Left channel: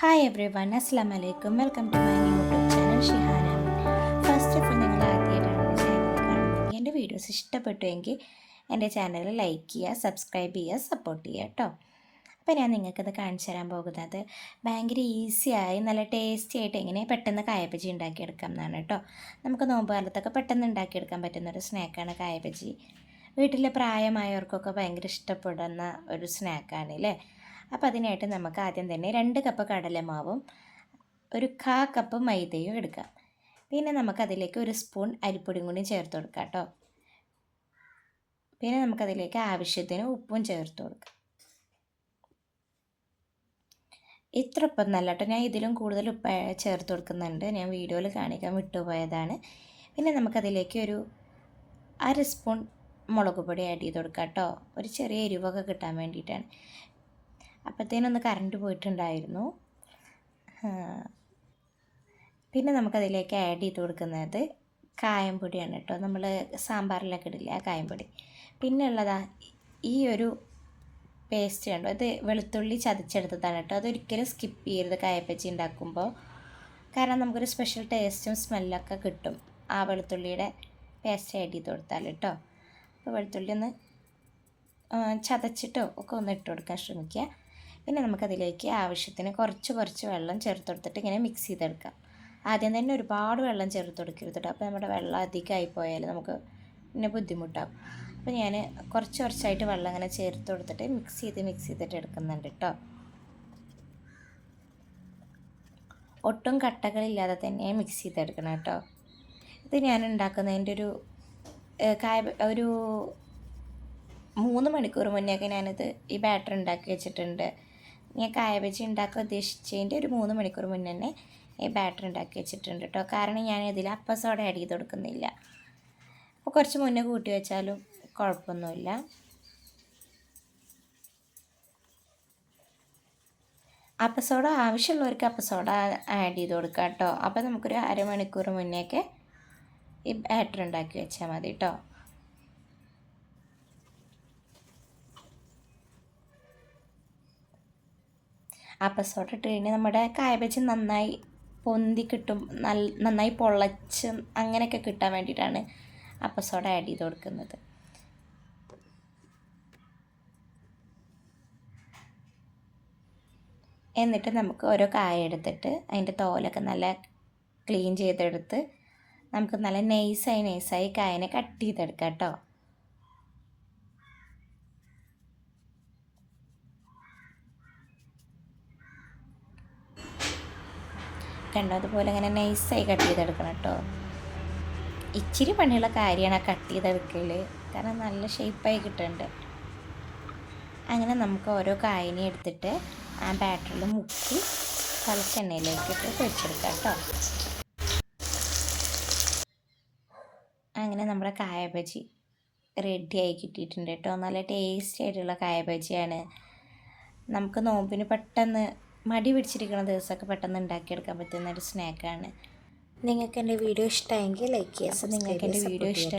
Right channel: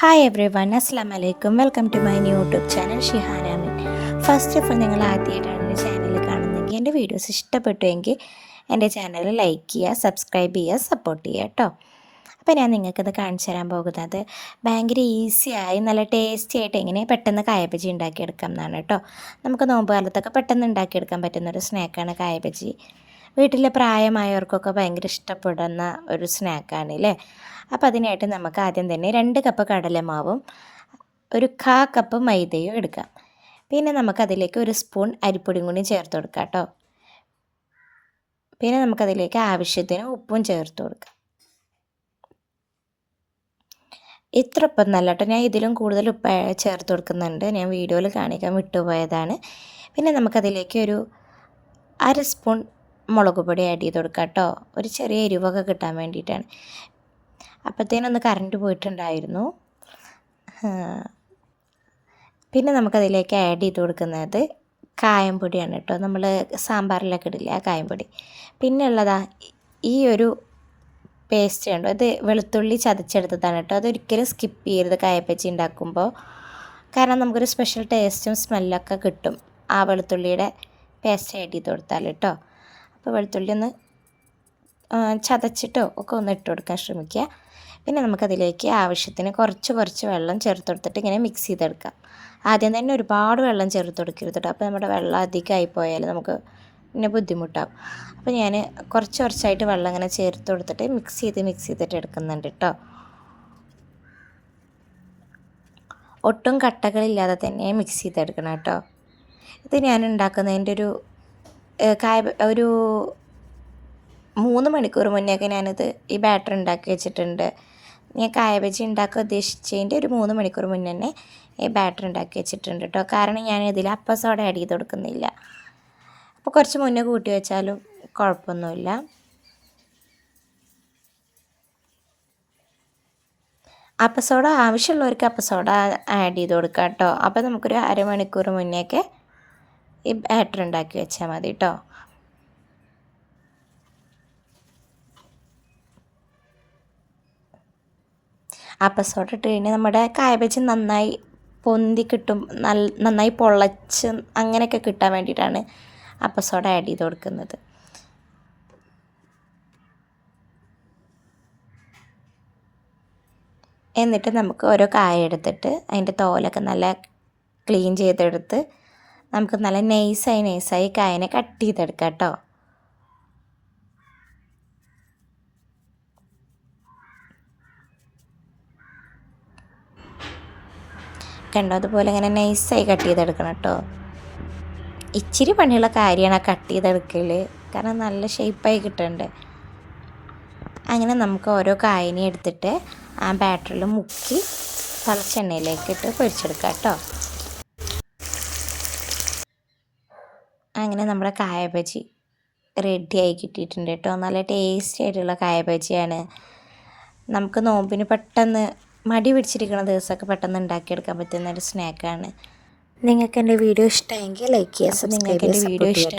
Hi every one, അസ്സാം വലൈക്കും. Welcome to my YouTube channel Shihana Ameen. First of all, നിങ്ങൾ ആദ്യമായിട്ടാണ് എൻ്റെ ചാനൽ കാണുന്നതെങ്കിൽ എൻ്റെ വീഡിയോസ് ഇഷ്ടപ്പെട്ടുവെങ്കിൽ എൻ്റെ ചാനൽ ലൈക്ക് ചെയ്യുക, സബ്സ്ക്രൈബ് ചെയ്യുക, സപ്പോർട്ട് ചെയ്യുക കേട്ടോ. അപ്പോൾ ഞാൻ നിങ്ങൾക്കത് കാണിച്ചു തരാൻ പോകുന്നത് ഭയങ്കര ഈസിയായി നല്ല ടേസ്റ്റി ആയിട്ട് എങ്ങനെ പെട്ടെന്ന് കായബജി ഉണ്ടാക്കിയെടുക്കാം എന്നാണ് കേട്ടോ. നമുക്ക് നോമ്പ് കാലത്തൊക്കെ പെട്ടെന്ന് ഉണ്ടാക്കിയെടുക്കാൻ പറ്റുന്നൊരു സ്നാക്കാണ് കായബജി. വീട്ടിലെ പ്രായമായവർക്കൊക്കെ ഭയങ്കര ഇഷ്ടപ്പെടുന്ന ഒരു സ്നാക്കാണ് അല്ലേ. അപ്പോൾ അതിനായിട്ട് നമുക്ക് ആദ്യം തന്നെ 2 കപ്പ് കടലമാവും 1/4 കപ്പ് മൈദയും എടുക്കാം. പിന്നെ നമുക്കതിലേക്ക് 1 സ്പൂൺ അരിപ്പൊടിയും കൂടി ചേർത്ത് കൊടുക്കാം കേട്ടോ. പിന്നെ നമുക്കതിലേക്ക് ആവശ്യത്തിന് ഉപ്പും ചേർത്ത് കൊടുക്കാം. ഇത്ര ഉപ്പൊന്നും അല്ല കേട്ടോ, ഞാൻ ഇതിലും കൂടുതൽ ഉപ്പ് ചേർത്ത് കൊടുക്കുന്നുണ്ട്. ഞാൻ വീഡിയോയിൽ കാണിക്കാൻ വിട്ടുപോയതാണ്. പിന്നെ നമുക്കതിലേക്ക് ഒരു 1/2 സ്പൂൺ മുളക് പൊടി ആഡ് ചെയ്ത് കൊടുക്കാം കേട്ടോ. ഒരു ചെറിയ എരിവൊക്കെ കിട്ടാൻ വേണ്ടിയിട്ടാണ്. അപ്പോഴത്തേനൊന്ന് കറണ്ട് പോയിട്ടുണ്ടായിരുന്നു. പിന്നെ നമുക്കതിലേക്ക് ആഡ് ചെയ്ത് കൊടുക്കുന്നത് കായംപൊടിയാണ് കേട്ടോ. നമ്മൾ സാമ്പാറിലൊക്കെ ഇടില്ല ആ കായംപൊടി. പിന്നെ ഉള്ളതാ ഈ ഒരു പേസ്റ്റ് കണ്ടോ, ഇത് വെളുത്തുള്ളി ചതച്ചെടുത്തതാണ് കേട്ടോ. അതൊരിക്കലും സ്കിപ്പ് ചെയ്യരുത് കായപ്പച്ചി ഉണ്ടാക്കുമ്പോൾ, കാരണം നമുക്കൊരു സ്പെഷ്യൽ ടേസ്റ്റും സ്മെല്ലൊക്കെ കിട്ടും ആ വെളുത്തുള്ളിയുടെ പേസ്റ്റ് ആഡ് ചെയ്ത് കൊടുത്താൽ കേട്ടോ. അപ്പോൾ വെളുത്തുള്ളി ഒന്ന് ചതച്ചിട്ടോ ഒക്കെ ഒന്ന് ഇട്ട് കൊടുക്കാൻ ശ്രമിക്കുക. പിന്നെ നമുക്കതിലേക്ക് ആവശ്യത്തിന് കുറച്ച് വെള്ളം ചേർത്ത് കൊടുത്തിട്ട് ഇങ്ങനെ മിക്സ് ചെയ്തെടുക്കാം. ആദ്യം തന്നെ ഒരുപാട് വെള്ളം ചേർത്ത് കൊടുക്കരുത് കേട്ടോ. അപ്പോൾ നമ്മുടെ വെള്ളം അധികമായി പോയാൽ നമുക്ക് പിന്നെ ബുദ്ധിമുട്ടാകും. അപ്പോൾ ഞാൻ കുറച്ചായിട്ട് വെള്ളം ഇങ്ങനെ ചേർത്ത് കൊടുത്തിട്ട് മിക്സ് ചെയ്തിട്ട് എടുക്കുന്നുണ്ട് കേട്ടോ. ഒട്ടും കട്ടകളില്ലാതെ തന്നെ മിക്സ് ചെയ്തെടുക്കണം കേട്ടോ. ഇത് ഞാൻ ഉണ്ടാക്കുന്നതിൻ്റെ ഒരു 3 മണിക്കൂർ മുന്നേയൊക്കെ ഞാനിത് ഈ ബാറ്റർ ഉണ്ടാക്കി വെച്ചിട്ടുണ്ട്. ഞാൻ കായബജി ഉണ്ടാക്കാൻ ഉദ്ദേശിച്ചതിൻ്റെ ഒരു 3 മണിക്കൂർ മുന്നേ തന്നെ ഈ ബാറ്റർ ഉണ്ടാക്കി വെച്ചിട്ടുണ്ട് കേട്ടോ. കാരണം ഞാൻ ഇതിൽ അപ്പ സോഡ ആഡ് ചെയ്ത് കൊടുക്കുന്നില്ല. അപ്പോൾ കുറച്ച് മുന്നേ കൂട്ടി വെച്ചാലും കുഴപ്പമൊന്നുമില്ല. അപ്പ സോഡ ആവശ്യമുള്ളവർക്ക് അപ്പ സോഡ ആഡ് ചെയ്ത് കൊടുക്കാം കേട്ടോ. അപ്പോൾ നമുക്കൊരു അരമണിക്കൂർ മുന്നേയൊക്കെ ഈ ബാറ്റർ ഉണ്ടാക്കി വെച്ചാൽ മതി കേട്ടോ. അപ്പസോഡ ഇട്ട് കഴിഞ്ഞാൽ നമ്മുടെ കായബജി നന്നായി പൊന്തി കിട്ടും, നന്നായി പൊള്ളച്ച് അങ്ങനെയൊക്കെ കിട്ടാൻ വേണ്ടിയിട്ടാണ് അപ്പസോഡ ആഡ് ചെയ്ത് കൊടുക്കുന്നത്. എന്നിട്ട് നമുക്ക് ഓരോ കായ എടുത്തിട്ട് അതിൻ്റെ തോലൊക്കെ നല്ല ക്ലീൻ ചെയ്തെടുത്ത് നമുക്ക് നല്ല നൈസായി കായനെ കട്ട് ചെയ്തെടുക്കാം കേട്ടോ. കണ്ടോ, അതുപോലെ ഇങ്ങനെ നൈസായി കട്ട് ചെയ്തെടുക്കണം കേട്ടോ. ഇച്ചിരി പണിയുള്ള കാര്യമാണ് ആ കട്ട് ചെയ്തെടുക്കൽ, കാരണം നല്ല ഷേപ്പായി കിട്ടുന്നുണ്ട്. അങ്ങനെ നമുക്ക് ഓരോ കായനെ എടുത്തിട്ട് ആ ബാറ്ററിൽ മുക്കി തിളച്ചെണ്ണയിലേക്ക് ഇട്ട് പൊരിച്ചെടുക്കാം കേട്ടോ. അങ്ങനെ നമ്മുടെ കായബജി റെഡിയായി കിട്ടിയിട്ടുണ്ട് കേട്ടോ. നല്ല ടേസ്റ്റി ആയിട്ടുള്ള കായബജിയാണ്. നമുക്ക് നോമ്പിന് പെട്ടെന്ന് മടി പിടിച്ചിരിക്കുന്ന ദിവസമൊക്കെ പെട്ടെന്ന് ഉണ്ടാക്കിയെടുക്കാൻ പറ്റുന്ന ഒരു സ്നാക്കാണ്. നിങ്ങൾക്ക് എൻ്റെ വീഡിയോ ഇഷ്ടമായെങ്കിൽ ലൈക്ക് ചെയ്യുക. നിങ്ങൾക്ക് എൻ്റെ വീഡിയോ ഇഷ്ടം